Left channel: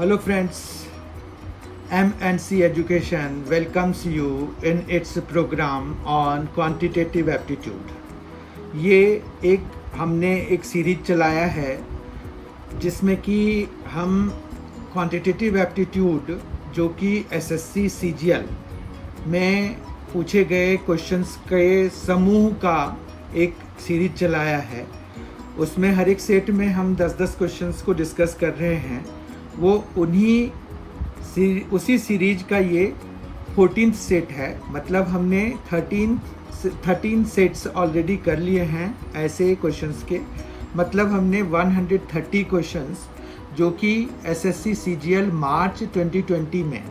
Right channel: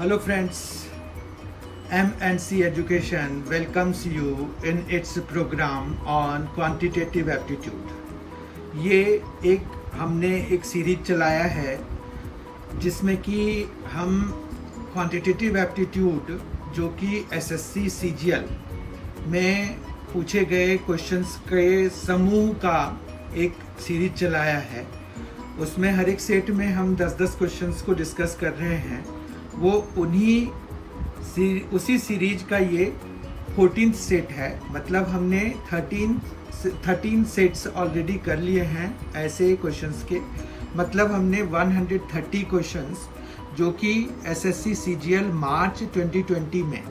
Hello friends, M&C Education welcomes you in its program on quantitative aptitude. ये हमने एक series चलाया है जिसमें कि हम क्वांटिटेटिव एप्टीट्यूड जो कि एसएससी सीजीएल में पूछे गए क्वेश्चंस के समूह का एक सीरीज चलाया है। उसमें हर एक सेट में हम 10-10 क्वेश्चंस को डिस्कस कर रहे हैं। वो उसी सीरीज का ये 14th सेट है। मतलब हमने 13 सेट्स ऑलरेडी कर लिए हैं ऐसे क्वेश्चंस के। मतलब हमने 130 क्वेश्चंस जो कि एसएससी सीजीएल मार्च 2020 में,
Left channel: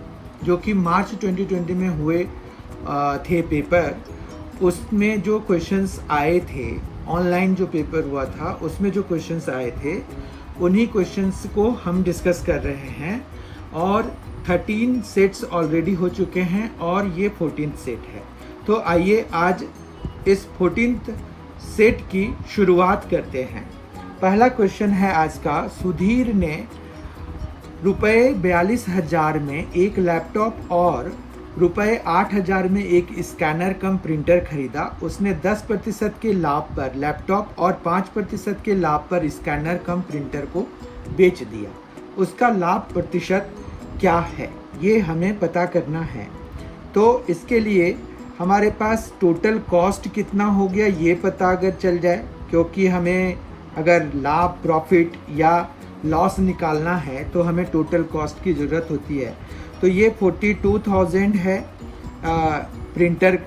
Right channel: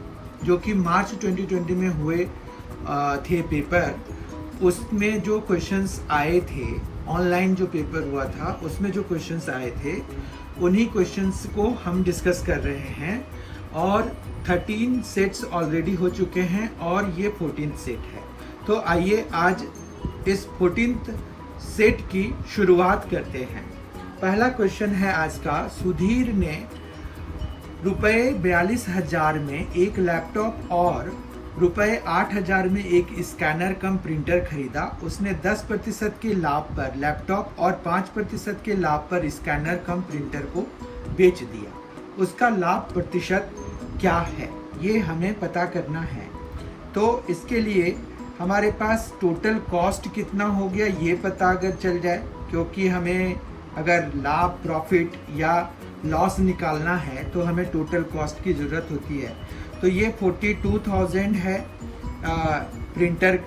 जो कि मार्च 2020 में हुए थे पेपर, उसमें जो क्वेश्चंस आए थे, ऑनलाइन जो पेपर हुआ था उसमें जो क्वेश्चंस आए थे, उन्हीं क्वेश्चंस को हम डिस्कस कर रहे हैं। और 13 सेट्स ऑलरेडी हो चुके हैं और ये 14th सेट है। तो आइए आज इस 14th सेट की शुरुआत करते हैं। पहला क्वेश्चन है आज का। सुधीर ने रुपए 42,000 में एक लैपटॉप और रुपए 8,000 में एक स्कैनर कम प्रिंटर खरीदा। उसने 10% के लाभ पर लैपटॉप और 5% के लाभ पर स्कैनर कम प्रिंटर को बेच दिया। उसका लाभ प्रतिशत क्या है, ये हमें पता करना है। तो इसके लिए हमारे पास टोटल कॉस्ट कितना हो गया ये पता अगर चल जाए, क्योंकि हमें अगर लाभ, प्रॉफिट या लॉस निकालना है तो हमें टोटल कॉस्ट की ज़रूरत होती है। तो ये 42,000 है प्रिंटर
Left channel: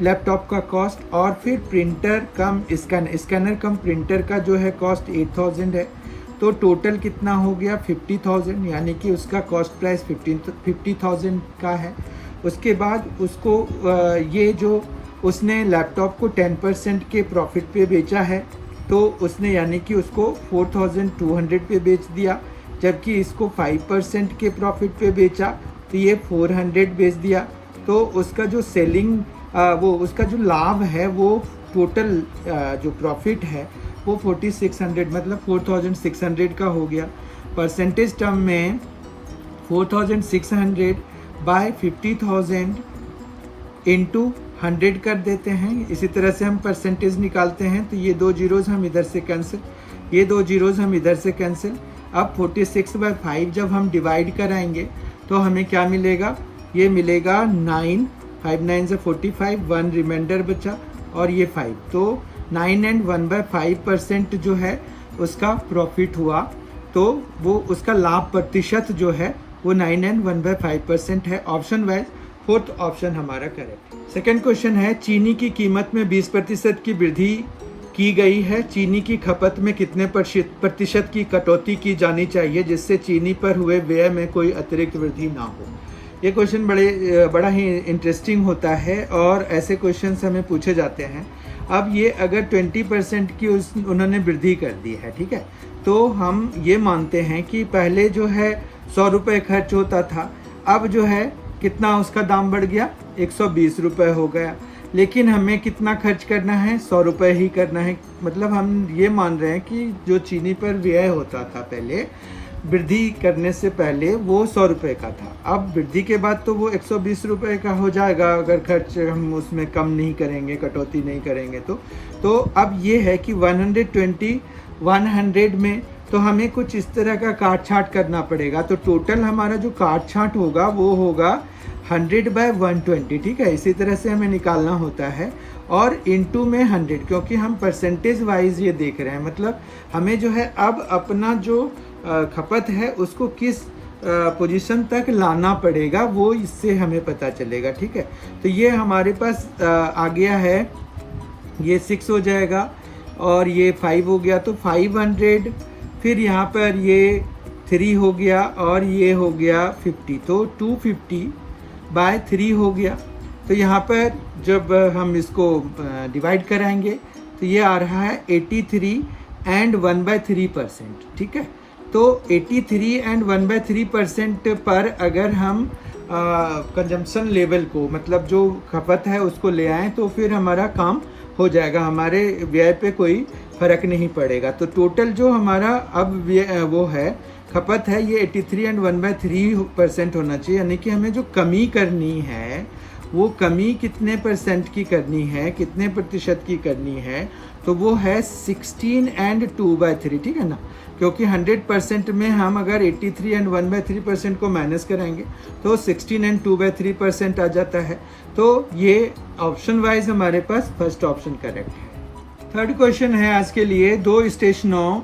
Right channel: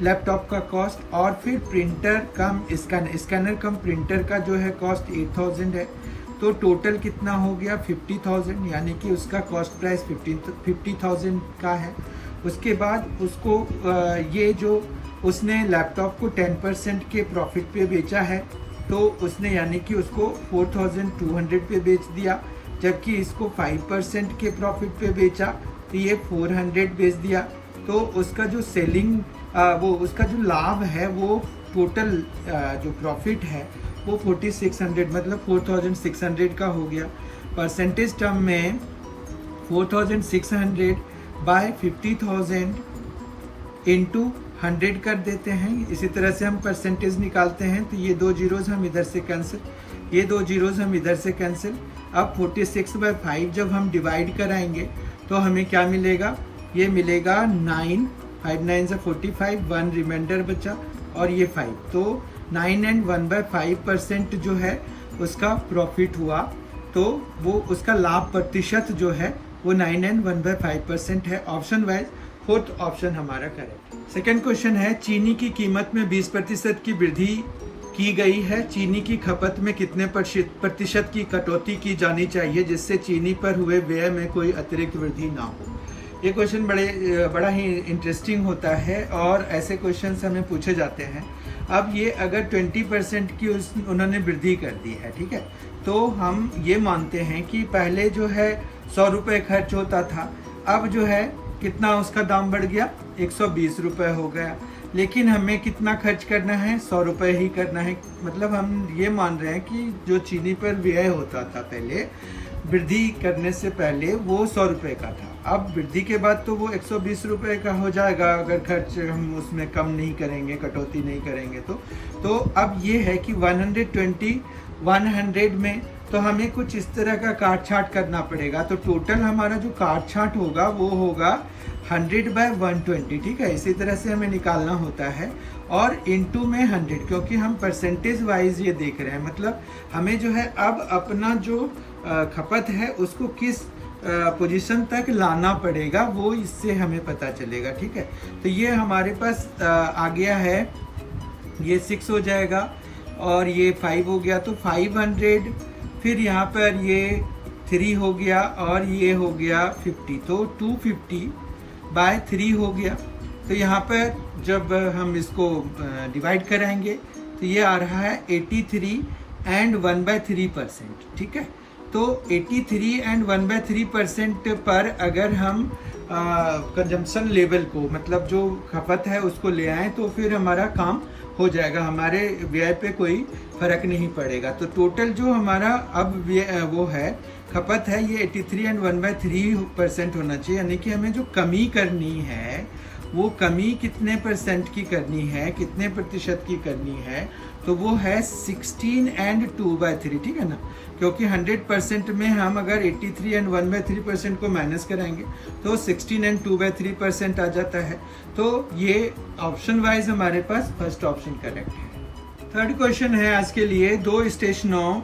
लैपटॉप का कॉस्ट, और फिर प्रिंटर कम स्कैनर कम प्रिंटर का जो है कॉस्ट 8,000 है। तो टोटल कितना हो गया 50,000, यानी कि उसका कॉस्ट प्राइस 50,000 का है। उसके बाद उसको ये जो उसने लैपटॉप को 10% के प्रॉफिट पे बेचा है, तो उसने यानी कि उसको 4,200 पे बेच दिया। जबकि इसको 5% के प्रॉफिट पे बेचा तो ये 400 बेच दिया। तो उसका जो सेलिंग उसका जो लाभ है, वो टोटल जो प्रॉफिट है वो 4,600 मतलब 4,600 का हो गया। परसेंटेज टर्म में 4,600 बाय 50,000 इंटू 100 कर देते हैं। इसी तरह से हम परसेंटेज निकालते हैं। तो ये 2 जीरोज हम इधर से कैंसिल, ये 2 जीरोज हम इधर से कैंसिल। अब 46/5 जब हम डिवाइड कराएंगे तो हमें क्या मिलेगा, ये मिलेगा 9, 5 9 से 45, 1 रिमाइंडर बचा और ये 5। तो 9 and 1/5% जो है उसका प्रॉफिट हुआ। तो वो उसका लाभ प्रतिशत जो है वो 9 and 1/5% है। ऑप्शन वाइज 4th ऑप्शन हमारा करेक्ट। सेकेंड क्वेश्चन है, चीनी की कीमत में 20% की वृद्धि की गई है। चीनी की खपत में कितने प्रतिशत की कटौती की जानी चाहिए जिससे चीनी पर हुए व्यय में कोई अतिरिक्त वृद्धि ना हो। ये क्वेश्चन बड़ा ही इंटरेस्टिंग होता है और ऐसे क्वेश्चंस हमें पूछे जाते हैं। अब ये अगर 20% की उन्होंने वृद्धि कर दी है, ठीक है, तो हम ये मानते हैं कि पहले जो है 100 रुपये खर्च होता था, अब जो है कितना उसका दाम बढ़ गया, 120 रुपये हो गया। लेकिन हमें कितना खर्च करना है, 100 रुपये ही करना है। मतलब हम ये मान रहे हैं कि जो चीनी पर व्यय होता था पहले, वृद्धि करने से पहले वो 100 रुपये का था। अब वृद्धि के बाद तो वो 120 रुपये का हो जाएगा अगर खर्च हम उसमें कम नहीं करेंगे, कटौती नहीं करेंगे तो अब ये है कि 100 में तो हमें कुछ इस तरह का काट छाट करना पड़ेगा। तो टोटल हमारा जो काट छाट होगा वो होगा 100/120, ठीक है। इसी तरह से हमें निकालना होता है और इनटू में 100, क्योंकि हम परसेंटेज वाइज ये देख रहे हैं। मतलब हमें जो है अब अपना जो खपत है उसको किस पोजीशन तक लाना पड़ेगा, वो इससे हमें पता चलेगा, ठीक है। तो ये हमारे पास आ गया है, ये 6 हो जाएगा और ये 5 हो गया। तो 500, फिर यहाँ पर ये 3 हो गया और ये हो गया 50। तो 250/3 हो गया। तो यहाँ पर जब हम इसको डिवाइड कराएंगे तो ये आ रहा है 83 and 1/3%, ठीक है। तो 83 and 1/3% पर अगर हम कंजम्पशन लेवल को, मतलब जो खपत है उसको ले आए तो फिर हमारा काम हो जाएगा, हमारे व्यय पे कोई फर्क नहीं पड़ेगा। तो टोटल जो हमारा अब वो है खपत है ये 83 एंड 1/3% होना चाहिए, यानी कि हमें जो कमी करनी है वो कमी कितने % की करनी है, कितने प्रतिशत की करनी है, तो वो है 16 एंड 2/3, ठीक है ना। क्योंकि 100% में हम अगर 83 एंड 1/3% को माइनस कराएंगे तो 16 एंड 2/3% आ जाता है। तो ये ऑप्शन वाइज हमारे पास फर्स्ट ऑप्शन करेक्ट है। थर्ड क्वेश्चन है आज के लिए, दो स्टेशनों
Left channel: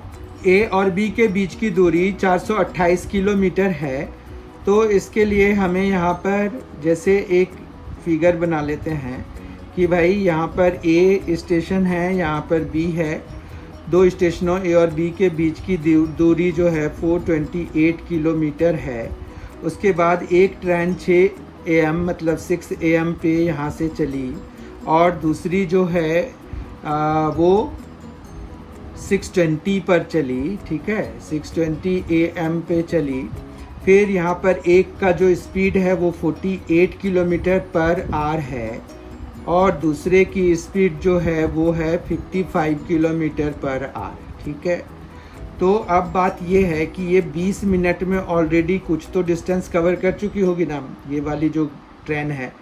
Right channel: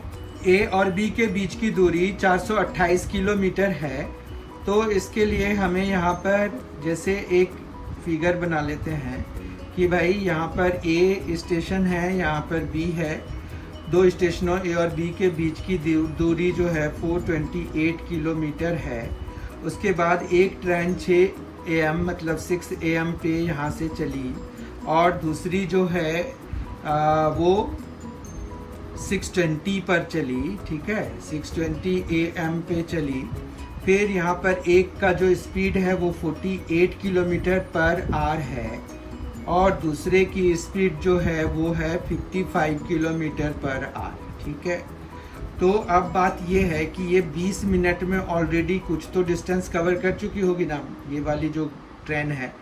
ए और बी के बीच की दूरी 428 किलोमीटर है। तो इसके लिए हमें यहाँ पर जैसे एक फिगर बना लेते हैं कि भाई यहाँ पर ए स्टेशन है, यहाँ पर बी है। दो स्टेशनों ए और बी के बीच की दूरी जो है 428 किलोमीटर है। उसके बाद एक ट्रेन 6 AM मतलब 6 AM पे यहाँ से चली और दूसरी जो है वो 6:20 पर चली, ठीक है, 6:20 AM पे चली। फिर यहाँ पर एक का जो स्पीड है वो 48 किलोमीटर पर आवर है और दूसरे की स्पीड जो है वो है 55 किलोमीटर पर आवर, ठीक है। तो अब बात ये है कि ये 20 मिनट में ऑलरेडी कुछ तो डिस्टेंस कवर कर चुकी होगी ना ये वाली जो ट्रेन है।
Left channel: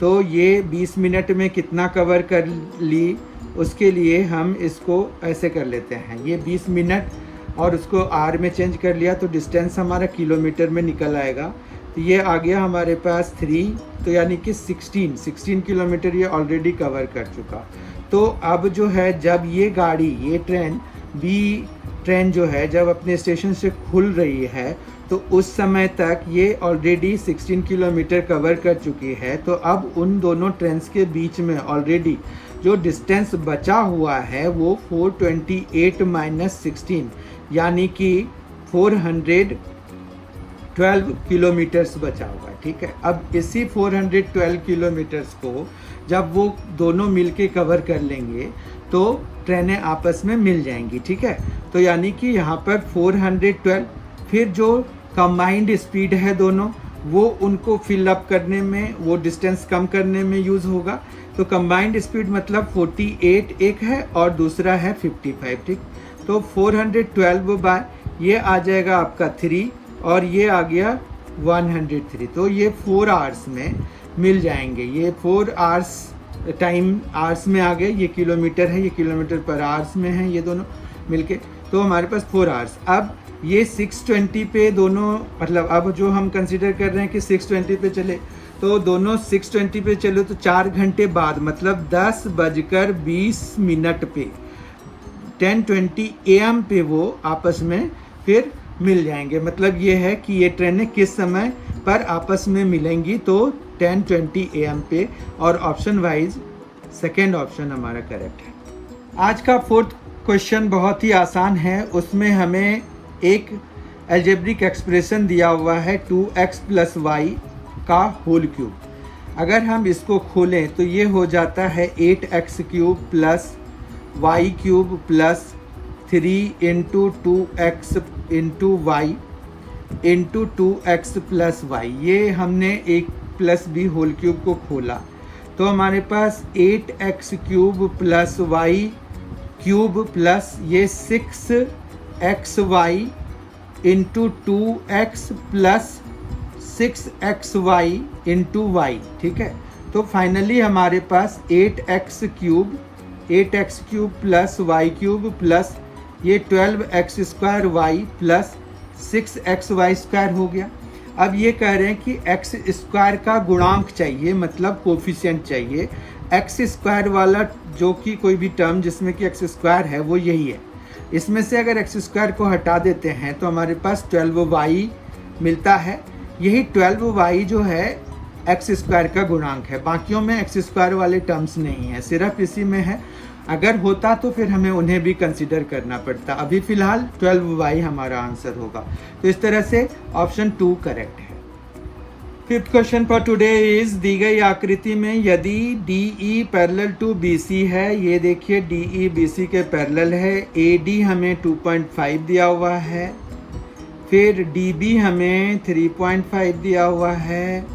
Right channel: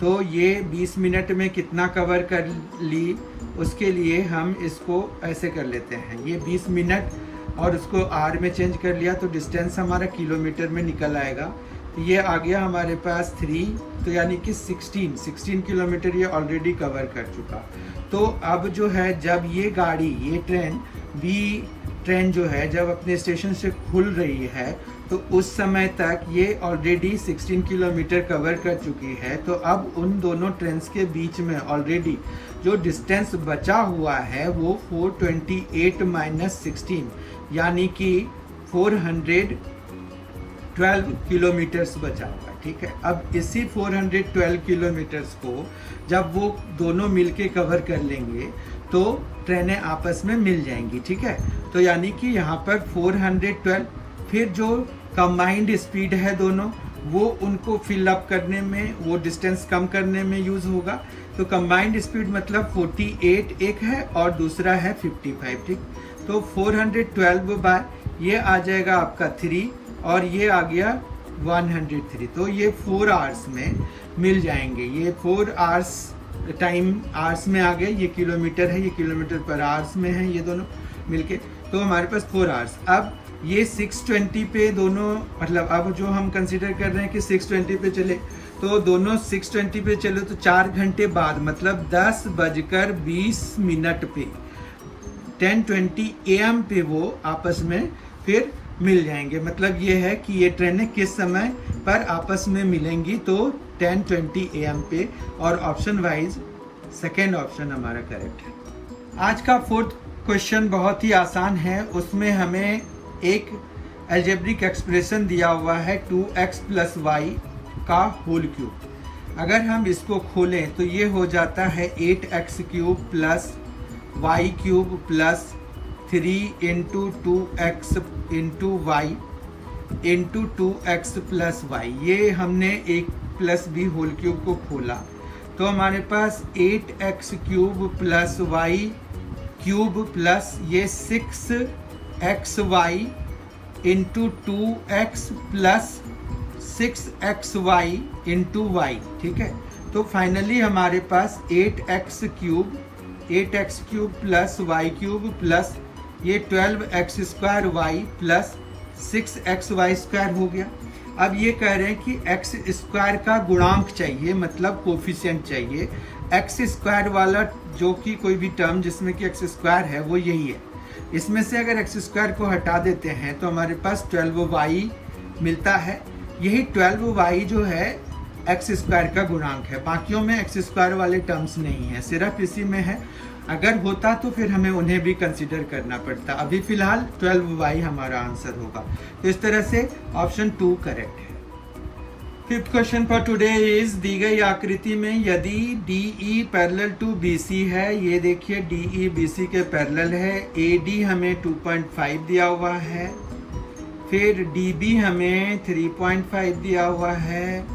तो ये 20 मिनट में कितना कवर कर ली, उसके लिए हम इसको ऐसे कर लेते हैं, ये 20 मिनट और उसको आर में चेंज कर लिया तो डिस्टेंस हमारा किलोमीटर में निकल आएगा। ये आ गया हमारे पास 3, तो यानी कि 16 किलोमीटर ये ऑलरेडी कवर कर चुका। तो अब जो है जब ये गाड़ी, ये ट्रेन बी ट्रेन जो है जब अपने स्टेशन से खुल रही है तो उस समय तक ये ऑलरेडी 16 किलोमीटर कवर कर चुकी है। तो अब उन दोनों ट्रेन्स के बीच में ऑलरेडी जो डिस्टेंस बचा हुआ है वो 428 माइनस 16 यानी कि 412 किलोमीटर्स बचा हुआ है, ठीक है। अब इसी 412 किलोमीटर्स को जब वो दोनों मिलके कवर कर लेंगे तो ट्रेनें आपस में मिल जाएंगी, ठीक है। तो यानी कि यहाँ पर 412, फिर जो कंबाइंड स्पीड है दोनों वो उनको फिल अप करने में, वो डिस्टेंस कम करने में यूज होगा। तो कंबाइंड स्पीड मतलब 48 एक है और दूसरा है 55, ठीक। तो 412 बाय ये आ जाएगा आपका 3 और ये आ गया 103। तो ये 4 आवर्स में मिल जाएंगे, ये 4 आवर्स टाइम आवर्स में आ गए। ये किलोमीटर है, ये किलोमीटर पर आवर्स में है, ये दोनों मिलके। तो हमारे पास 4 आवर्स। अब ये 6:20 पे दोनों, मतलब अब जो हम कंसीडर कर रहे हैं कि 6:20 पे चले, तो दोनों 6:20 पे चलो तो 4 घंटे बाद मतलब 10:20 पे 10:20 AM पे वो आपस में फिर मिल जाएंगे। मतलब ये है कि ये ट्रेनें किस समय पर आपस में मिलेंगी, तो 10:20 AM पे। और ऑप्शन वाइज सेकेंड ऑप्शन हमारा करेक्ट है। आज का फोर्थ क्वेश्चन बहुत ही आसान है। उसमें हमें एक अलजेब्रिक एक्सप्रेशन दिया हुआ है 2x + y का होल क्यूब। अगर हम इसको खोलें तो ये हो जाता है 8x³ + y³ + 3 × 2x × y × 2x + y। ये हमने एक +b होल क्यूब को खोला तो हमारे पास 8x³ + y³ प्लस ये 6xy × 2x + 6xy × y, ठीक है। तो फाइनली हमारे पास 8x³ + y³ प्लस ये 12x² y + 6xy² हो गया। अब ये कह रहे हैं कि x² का गुणांक चाहिए, मतलब कोफिशिएंट चाहिए। x² वाला जो कि कोई भी टर्म जिसमें कि x² है वो यही है। इसमें से अगर x² को हटा देते हैं तो हमारे पास 12y मिलता है। यही 12y जो है x² का गुणांक है। बाकियों में x² वाले टर्म्स नहीं है, सिर्फ इसी में है। अगर होता तो फिर हमें उन्हें भी कंसीडर करना पड़ता। अभी फिलहाल 12y हमारा आंसर होगा। तो इस तरह से ऑप्शन 2 करेक्ट है। Fifth question for today is, दी गई आकृति में यदि DE पैरेलल टू BC है, ये देखिए DE BC के पैरेलल है। AD हमें 2.5 दिया हुआ है, फिर DB हमें 3.5 दिया हुआ है,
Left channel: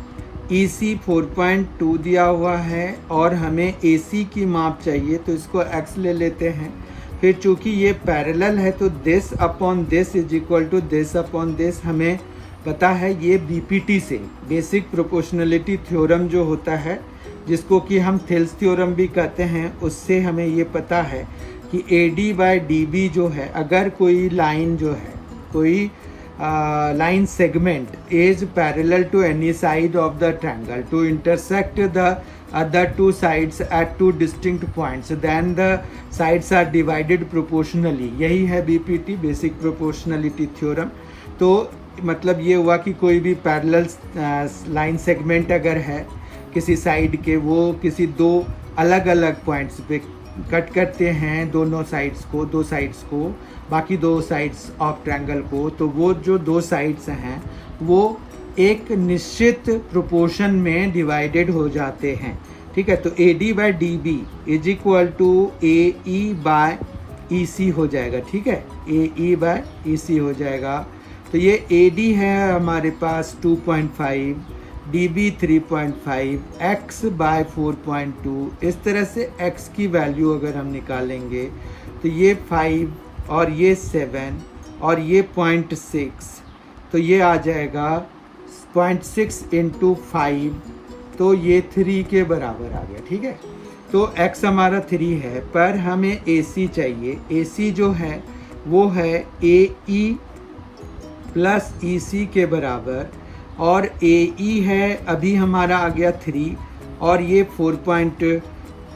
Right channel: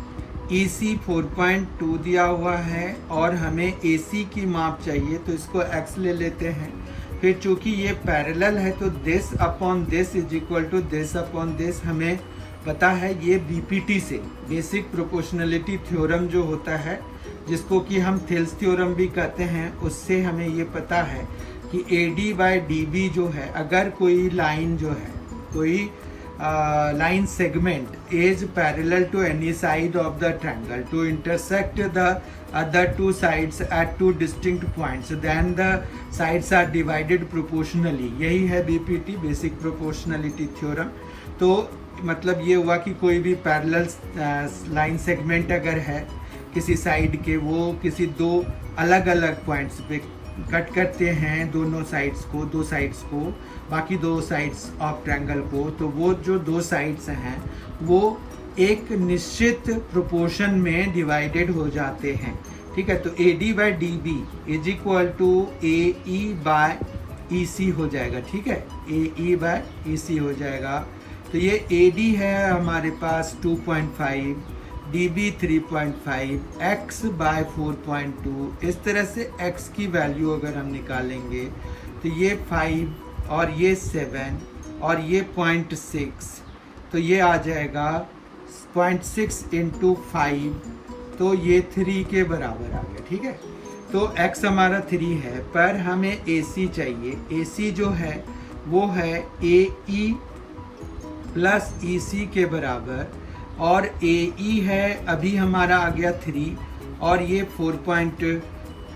EC 4.2 दिया हुआ है और हमें AC की माप चाहिए तो इसको x ले लेते हैं। फिर चूंकि ये पैरेलल है तो this upon this is equal to this upon this हमें पता है, ये बीपीटी से बेसिक प्रोपोर्शनलिटी थ्योरम जो होता है, जिसको कि हम थेल्स थ्योरम भी कहते हैं, उससे हमें ये पता है कि AD बाय DB जो है, अगर कोई लाइन जो है, कोई line segment is parallel to any side of the triangle to intersect the other two sides at two distinct points, then the sides are divided proportionally. यही है BPT, बेसिक प्रोपोर्शनलिटी थ्योरम. तो मतलब ये हुआ कि कोई भी पैरेलल लाइन सेगमेंट अगर है किसी साइड के, वो किसी दो अलग अलग पॉइंट्स पे कट करते हैं दोनों साइड्स को, दो साइड्स को, बाकी दो साइड्स ऑफ ट्रायंगल को, तो वो जो दो साइड्स हैं वो एक निश्चित प्रोपोर्शन में डिवाइडेड हो जाते हैं. ठीक है, तो AD by DB is equal to AE by EC हो जाएगा. ठीक है, AE बाय EC हो जाएगा. तो ये AD है हमारे पास 2.5, DB 3.5, X बाय 4.2. इस तरह से X की वैल्यू अगर हम निकालेंगे तो ये 5 और ये 7 और ये 0.6, तो ये आ जाएगा 0.6 इंटू 5, तो ये 3 के बराबर आ गया. ठीक है, तो X हमारा 3 है, पर हमें AC चाहिए. AC जो है वो है AE प्लस EC के बराबर, और AE है अभी हमारा आ गया 3 और ये 4.2,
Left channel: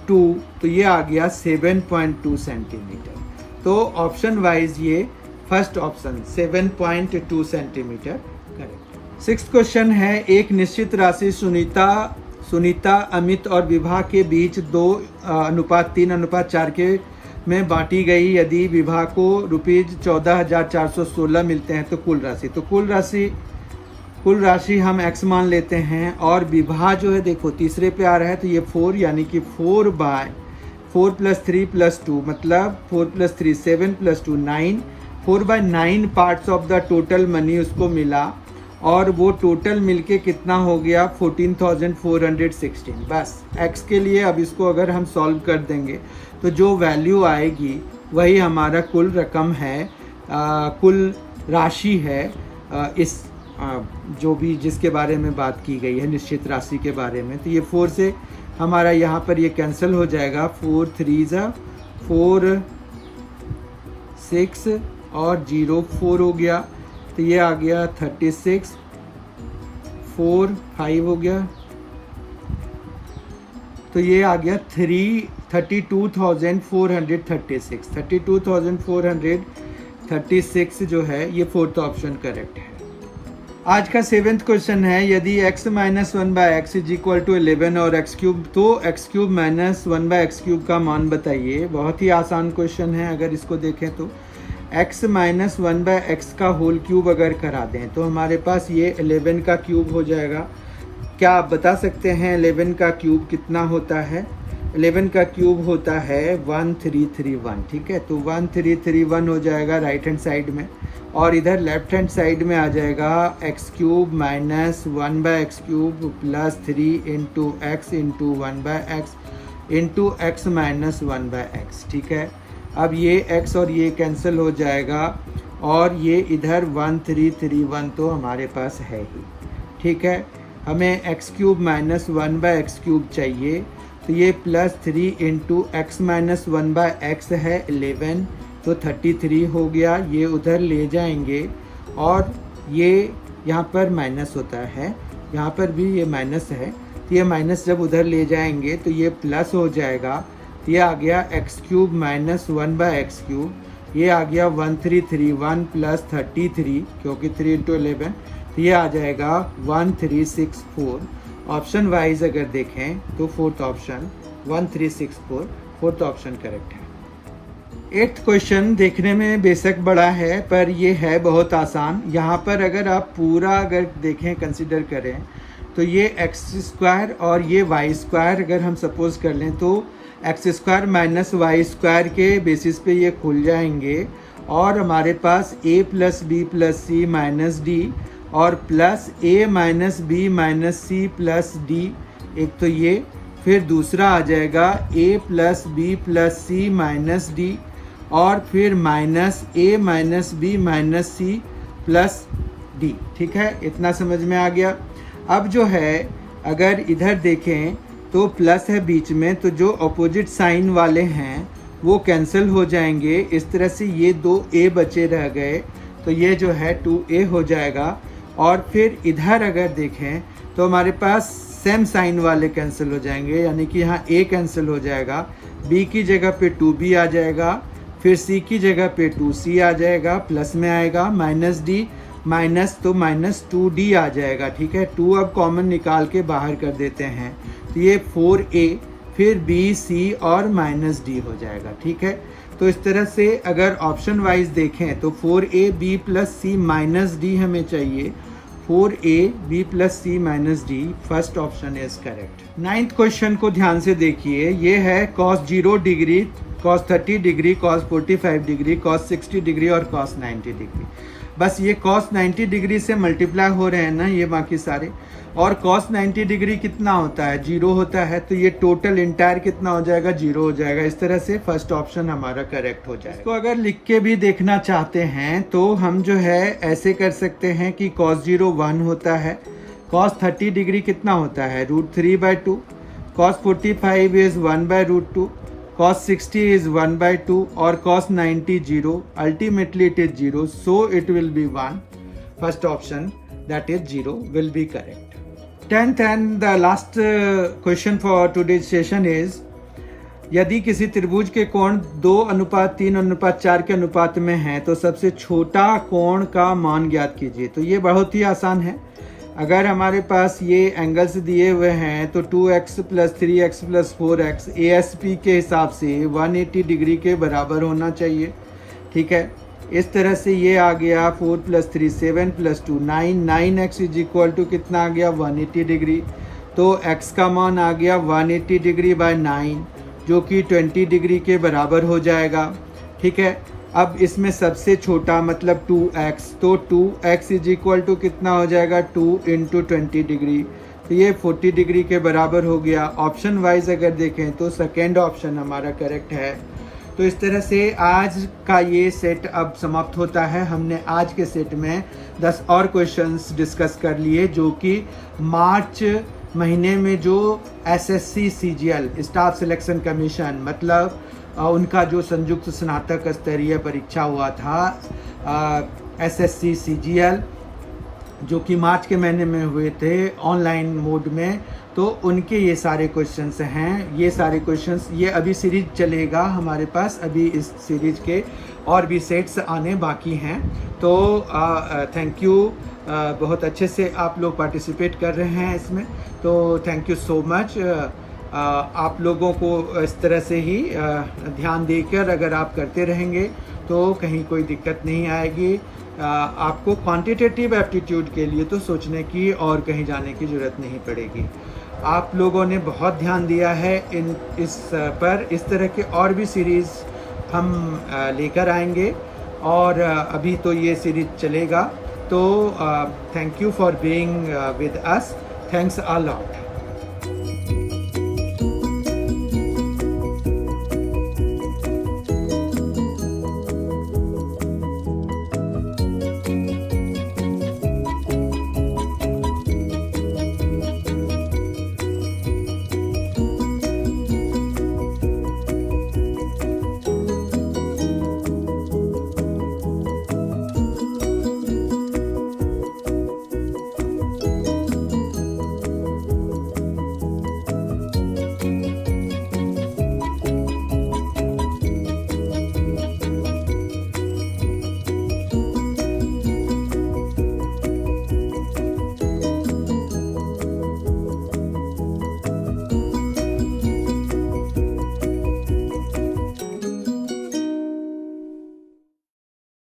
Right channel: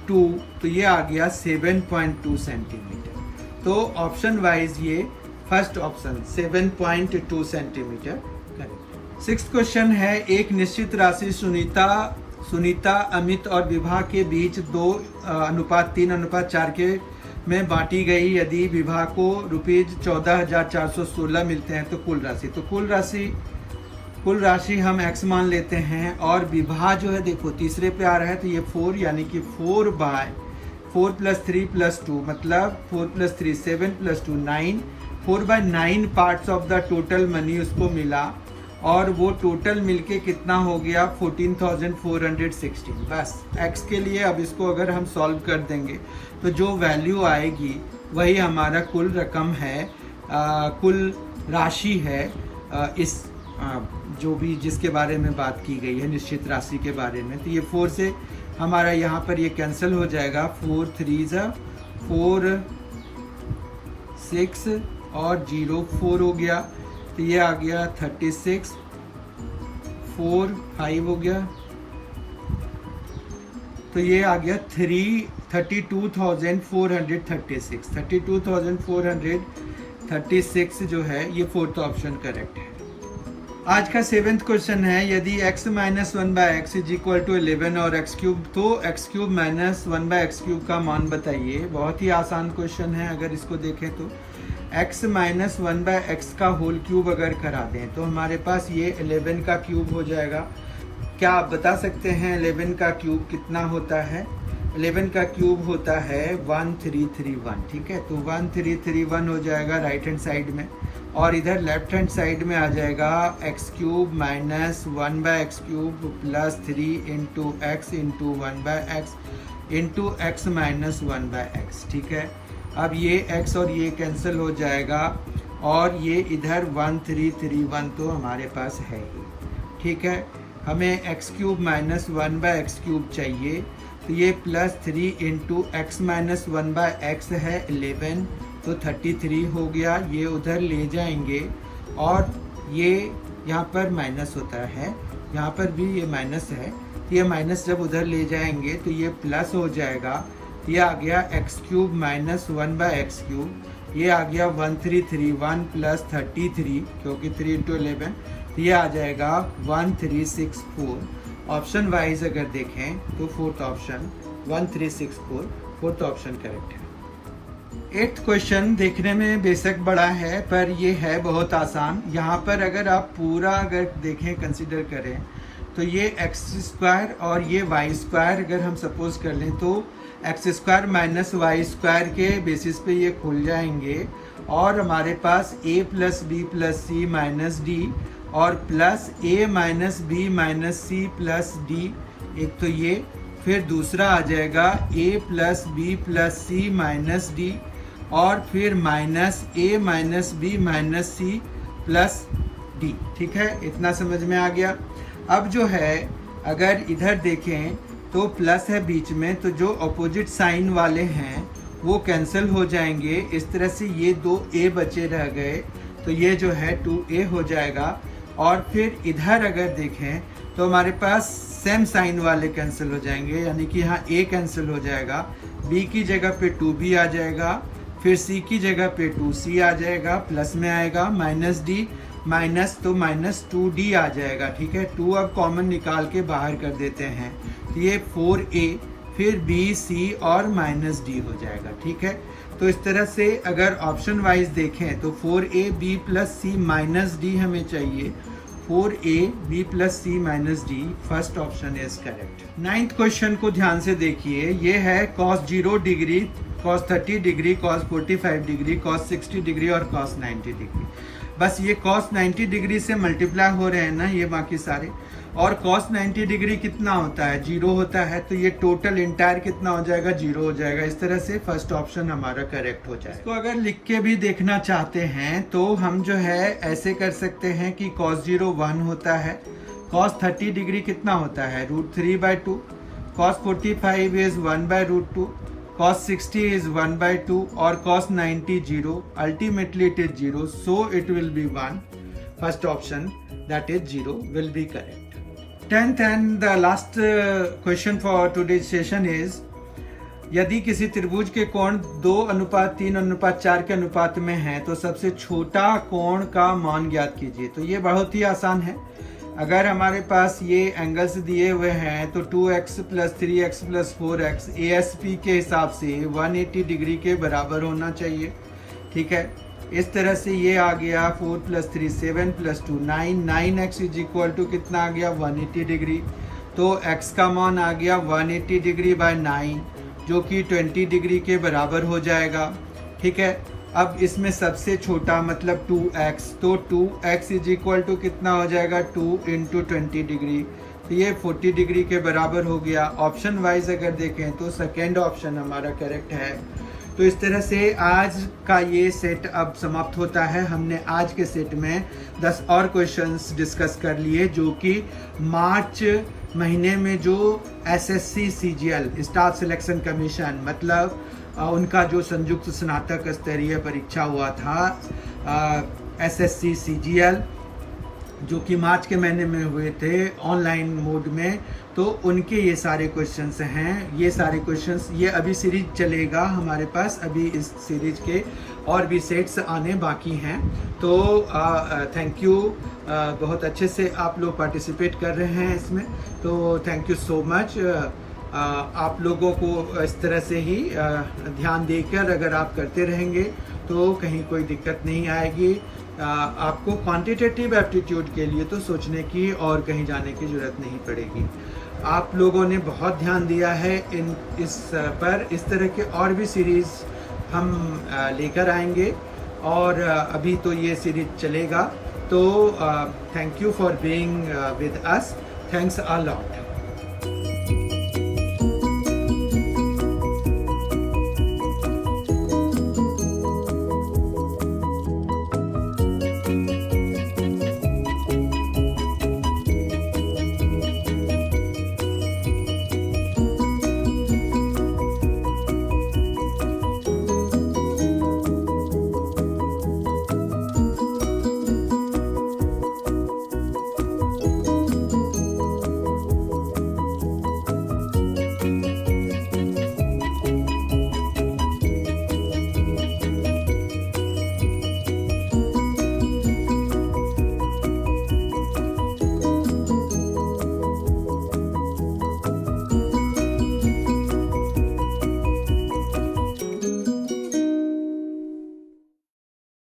तो ये आ गया 7.2 सेंटीमीटर. तो ऑप्शन वाइज ये first option 7.2 centimetre. Sixth question है, एक निश्चित राशि सुनीता, अमित और विभा के बीच 2:3:4 के में बांटी गई. यदि विभा को ₹14,416 मिलते हैं तो कुल राशि हम x मान लेते हैं, और विभा जो है देखो तीसरे पे आ रहा है तो ये 4, यानी कि 4 + 3 + 2 मतलब 4 + 3 7 + 2 9, 4/9 parts of the total money उसको मिला, और वो टोटल मिलके कितना हो गया 14,416. बस x के लिए अब इसको अगर हम सॉल्व कर देंगे तो जो वैल्यू आएगी वही हमारा कुल रकम है, कुल राशि है. इस जो भी जिसके बारे में बात की गई है निश्चित राशि के बारे में, तो ये 4 से हमारा यहाँ पर ये कैंसिल हो जाएगा. 4 3 4 6 और 0 4 हो गया, तो ये आ गया 36, 4 5 हो गया, तो ये आ गया 32,436. 32,436 जो है ये फोर्थ ऑप्शन करेक्ट है. आज का 7th क्वेश्चन है, यदि x - 1/x is equal to 11 और x3, तो x3 - 1/x3 का मान बताइए. बहुत ही आसान क्वेश्चन है. अगर इसको देखें तो x - 1/x का होल क्यूब अगर करा दें तो हमारे पास ये 11 का क्यूब हो जाएगा. क्या आप बता सकते हैं 11 का क्यूब कितना होता है? 11 का क्यूब होता है 1331. ठीक है, तो 1331 हो जाएगा राइट हैंड साइड में, और इधर लेफ्ट हैंड साइड में आ जाएगा x3 - 1/x3 plus 3 into x into 1/x into x - 1/x. ठीक है, अब ये x और ये कैंसिल हो जाएगा, और ये इधर 1331 तो हमारे पास है ही. ठीक है, हमें x3 - 1/x3 चाहिए, तो ये प्लस 3 इंटू x - 1/x है 11, तो 33 हो गया. ये उधर ले जाएंगे, और ये यहाँ पर माइनस होता है, यहाँ पर भी ये माइनस है, तो ये माइनस जब उधर ले जाएंगे तो ये प्लस हो जाएगा. ये आ गया x3 - 1/x3, ये आ गया 1331 प्लस 33, क्योंकि 3 इंटू 11, ये आ जाएगा 1364. ऑप्शन वाइज अगर देखें तो fourth option 1364 fourth option correct है. 8th क्वेश्चन देखने में बेशक बड़ा है, पर ये है बहुत आसान. यहाँ पर अगर आप पूरा अगर देखें, कंसिडर करें, तो ये x² और ये y² अगर हम सपोज कर लें तो x² माइनस y² के बेसिस पे ये खुल जाएंगे, और हमारे पास a + b + c minus d और plus a - b - c + d. एक तो ये, फिर दूसरा आ जाएगा a + b + c - d, और फिर minus a minus b minus c plus d. ठीक है, इतना समझ में आ गया। अब जो है अगर इधर देखें तो प्लस है बीच में, तो जो अपोजिट साइन वाले हैं वो कैंसिल हो जाएंगे। इस तरह से ये 2a बचे रह गए, तो ये जो है 2a हो जाएगा। और फिर इधर अगर देखें तो हमारे पास सेम साइन वाले कैंसिल हो जाएंगे, यानी कि यहाँ a कैंसिल हो जाएगा, b की जगह पे 2b आ जाएगा, फिर c की जगह पे 2c आ जाएगा, प्लस में आएगा माइनस d माइनस, तो माइनस 2d आ जाएगा। ठीक है, 2 अब कॉमन निकाल के बाहर कर देते हैं, तो ये 4a फिर b c और माइनस d हो जाएगा। ठीक है, तो इस तरह से अगर ऑप्शन वाइज देखें तो 4a b plus c minus d हमें चाहिए, 4a b plus c minus d, first option is correct. 9th question को ध्यान से देखिए, ये है cos 0 degree, cos 30 degree, cos 45 degree, cos 60 degree और cos 90 डिग्री। बस ये cos 90 डिग्री से मल्टीप्लाई हो रहे हैं ना ये बाकी सारे, और cos 90 डिग्री कितना होता है, 0 होता है, तो ये टोटल इंटायर कितना हो जाएगा, 0 हो जाएगा। इस तरह से फर्स्ट ऑप्शन हमारा करेक्ट हो जाएगा। इसको अगर लिख के भी देखना चाहते हैं तो हम जो है ऐसे कर सकते हैं कि cos 0 1 होता है, cos 30 डिग्री कितना होता है, √3/2, cos 45 इज 1/√2, cos 60 is 1/2 और cos 90 0. Ultimately it is 0, so it will be 1. First option, that is 0, will be correct. 10th and the last question for today's session is, यदि किसी त्रिभुज के कोण 2:3:4 के अनुपात में है तो सबसे छोटा कोण का मान ज्ञात कीजिए। तो ये बहुत ही आसान है। अगर हमारे पास ये एंगल्स दिए हुए हैं तो 2x + 3x + 4x ASP के हिसाब से 180 डिग्री के बराबर होना चाहिए। ठीक है, इस तरह से ये आ गया 4 + 3 7 + 2 9, 9x = कितना आ गया, 180 डिग्री। तो x का मान आ गया 180 डिग्री बाय 9, जो कि 20 डिग्री के बराबर हो जाएगा। ठीक है, अब इसमें सबसे छोटा मतलब 2x, तो 2x = कितना हो जाएगा, 2 × 20 डिग्री, तो ये 40 डिग्री के बराबर हो गया। ऑप्शन वाइज अगर देखें तो सेकेंड ऑप्शन हमारा करेक्ट है। तो इस तरह से आज का ये सेट अब समाप्त होता है। हमने आज के सेट में 10 और क्वेश्चंस डिस्कस कर लिए, जो कि मार्च महीने में जो SSC CGL staff selection commission, मतलब उनका जो संयुक्त स्नातक स्तरीय परीक्षा हुआ था SSC CGL, जो कि मार्च के महीने में हुए थे ऑनलाइन मोड में, तो उनके ये सारे क्वेश्चंस हैं। ये सारे क्वेश्चंस, ये अभी सीरीज चलेगा हमारे पास, अभी इस सीरीज के और भी सेट्स आने बाकी हैं। तो थैंक यू, बहुत अच्छे से आप लोग पार्टिसिपेट कर रहे हैं इसमें, तो थैंक यू सो मच। आप लोगों को इस तरह से ही ध्यान देकर अगर आप करते रहेंगे तो कहीं कोई दिक्कत नहीं आएगी। आपको क्वांटिटेटिव एप्टीट्यूड के लिए तो सोचने की और कहीं जाने की ज़रूरत नहीं पड़ेगी। आप लोगों ने बहुत ध्यान दिया है इस पर। इस तरह के और भी सीरीज़ हम लेकर आएंगे, और अभी तो ये सीरीज चलेगा। तो thank you for being with us, thanks a lot.